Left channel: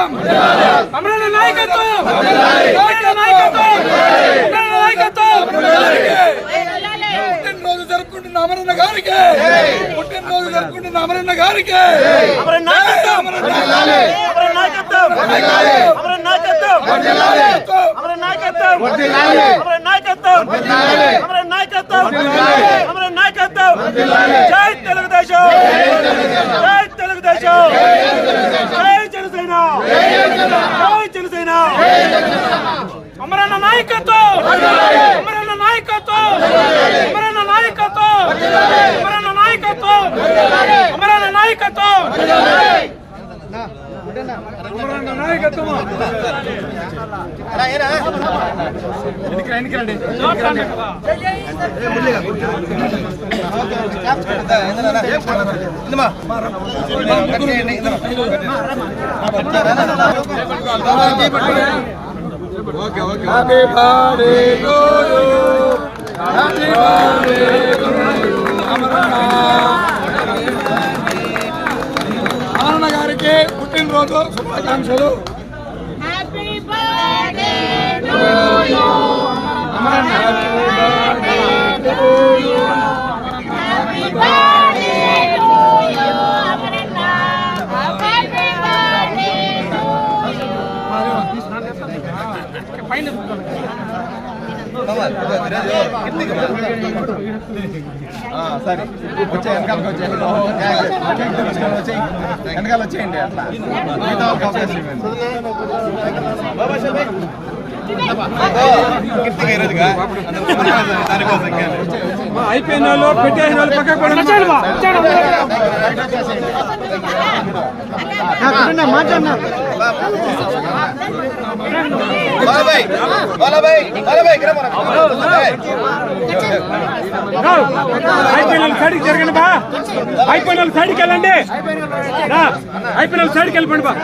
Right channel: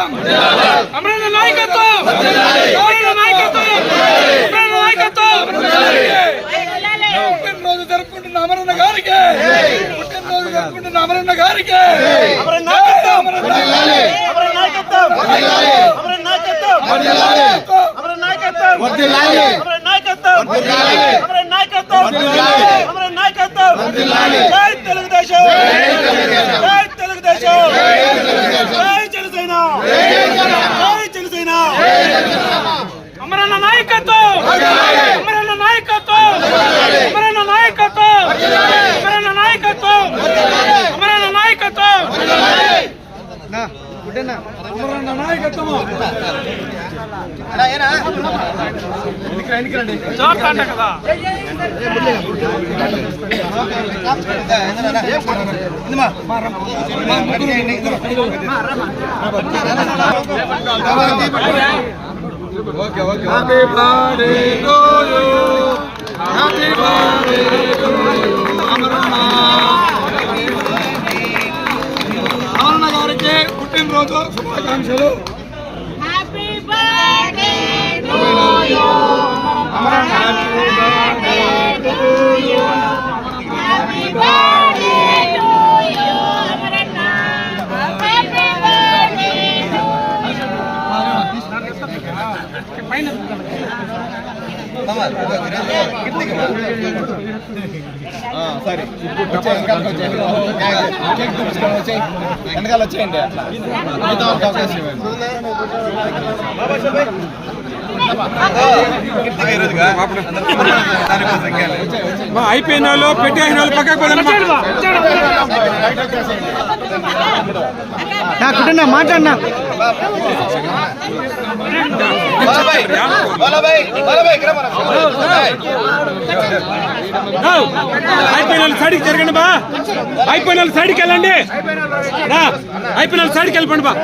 నాయకత్వం అమరన్న నాయకత్వం అమరన్న నాయకత్వం అమరన్న నాయకత్వం పుట్టినరోజు జరుపుకుంటున్న అమరన్న గారికి పుట్టినరోజు జరుపుకుంటున్న అమరన్న గారికి అమరన్న నాయకత్వం అమరన్న నాయకత్వం అమరన్న నాయకత్వం అమరన్న నాయకత్వం అమరన్న నాయకత్వం అమరన్న నాయకత్వం అమరన్న నాయకత్వం జై తెలుగుదేశం జై తెలుగుదేశం జై జనసేన జై జనసేన అమరన్న నాయకత్వం అమరన్న నాయకత్వం అమరన్న నాయకత్వం అమరన్న నాయకత్వం అమరన్న నాయకత్వం అమరన్న నాయకత్వం happy birthday to you happy birthday to you Amaranna గారికి పుట్టినరోజు శుభాకాంక్షలు. Happy birthday to you Amaranna happy birthday to you happy birthday to you Amaranna happy birthday to సరే వెనకాల వచ్చేయండి అట్లా అయిపోయిన వాళ్ళు పెట్టేసిన వాళ్ళు పక్కకు మాట్లాడినా అయిపోయిన సైడ్కి జరగండి బా అయిపోయిన వాళ్ళు సైడ్కి వెళ్ళండి అయిపోయిన వాళ్ళు సైడ్కి వెళ్ళిపోండి బా